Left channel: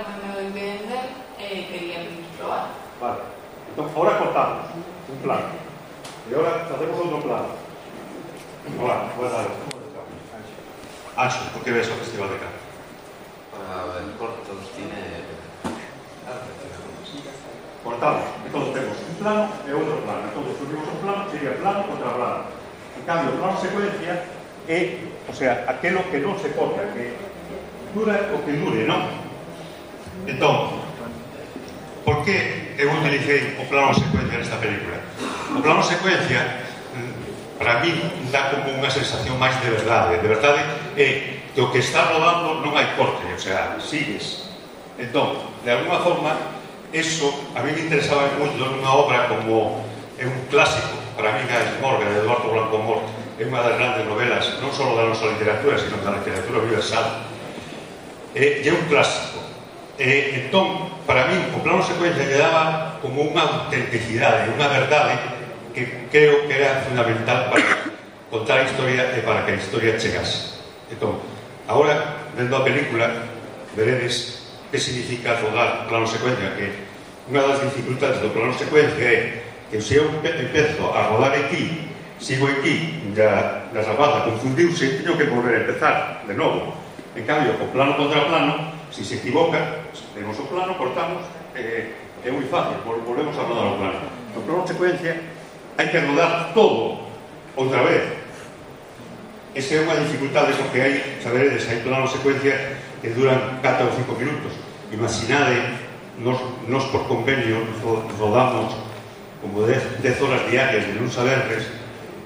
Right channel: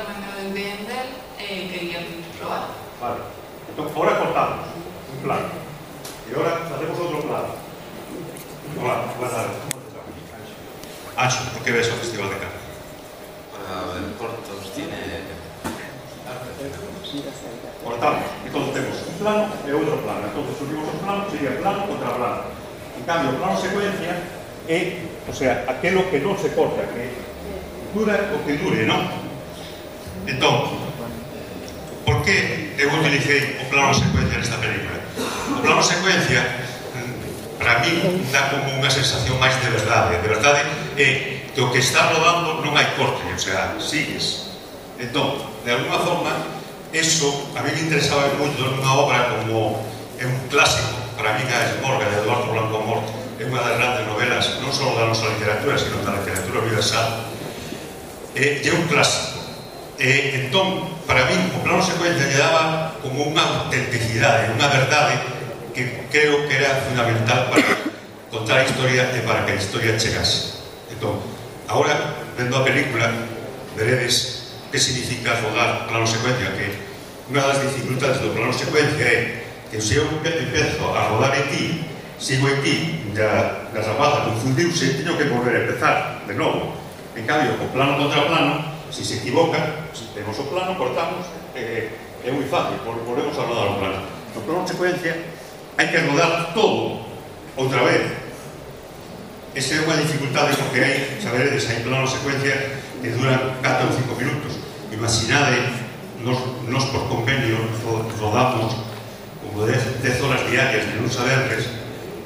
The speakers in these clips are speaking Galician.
de entender, quería probar. Vale, entón, ahora cortamos un plano e ahora facemos outro plano. Hola, buenas tardes. Anxo, por que ves o Festival de Cannes? Para ver cortos tiene arte. Cortamos, entón temos un plano e outro plano. Entón, unimos un plano, sería plano contra plano. En cambio, plano secuencia é, o sea, aquelo que non se corta, que dura o que dure, non? Entón, por que eu utilicei o plano secuencia nesta película? O plano secuencia, para mí, dá como unha sensación máis de verdade. De verdade é que o que está rodando non hai corte, o sea, sigues. Entón, de alguna forma, eso a mí me interesaba moito nunha obra como é un clásico, para mí, a Esmorga, de Eduardo Blanco Amor, é unha das grandes novelas, non só da nosa literatura, sino da literatura universal. É un clásico. Entón, para mí, o plano secuencia lle daba como unha autenticidade, unha verdade que creo que era fundamental para contar a historia e para que a historia chegase. Entón, agora, vendo a película, veredes que significa rodar plano secuencia, que unha das dificultades do plano secuencia é que se eu empezo a rodar aquí, sigo aquí, da rapaza confundiuse, teño que volver a empezar de novo. En cambio, o plano contra plano, se se equivoca, se temos o plano, cortamos, é moi fácil, volvemos a rodar o plano. No plano secuencia hai que rodar todo outra vez. Esa é unha dificultade porque hai, saberedes, hai plano secuencia que duran 4 ou 5 minutos. Imaginade, nos por convenio rodamos como 10 horas diarias de luns a venres.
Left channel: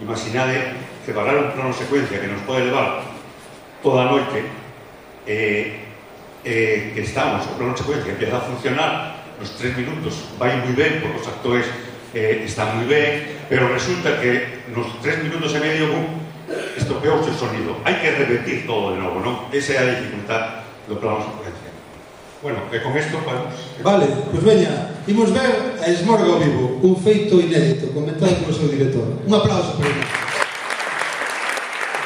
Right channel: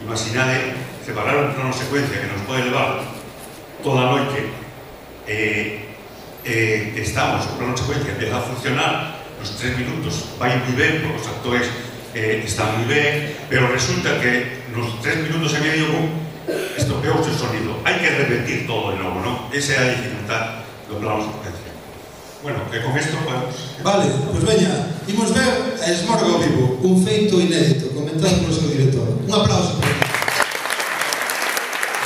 Imaginade separar un plano secuencia que nos pode levar toda a noite. Estamos, o plano secuencia empieza a funcionar, nos 3 minutos vai moi ben, porque os actores están moi ben, pero resulta que nos 3 minutos e medio estropeouse o sonido. Hai que repetir todo de novo, non? Esa é a dificultad do plano secuencia. Bueno, e con isto podemos... Vale, pois veña, imos ver a Esmorga ao vivo, un feito inédito, comentado polo seu director. Un aplauso para ele.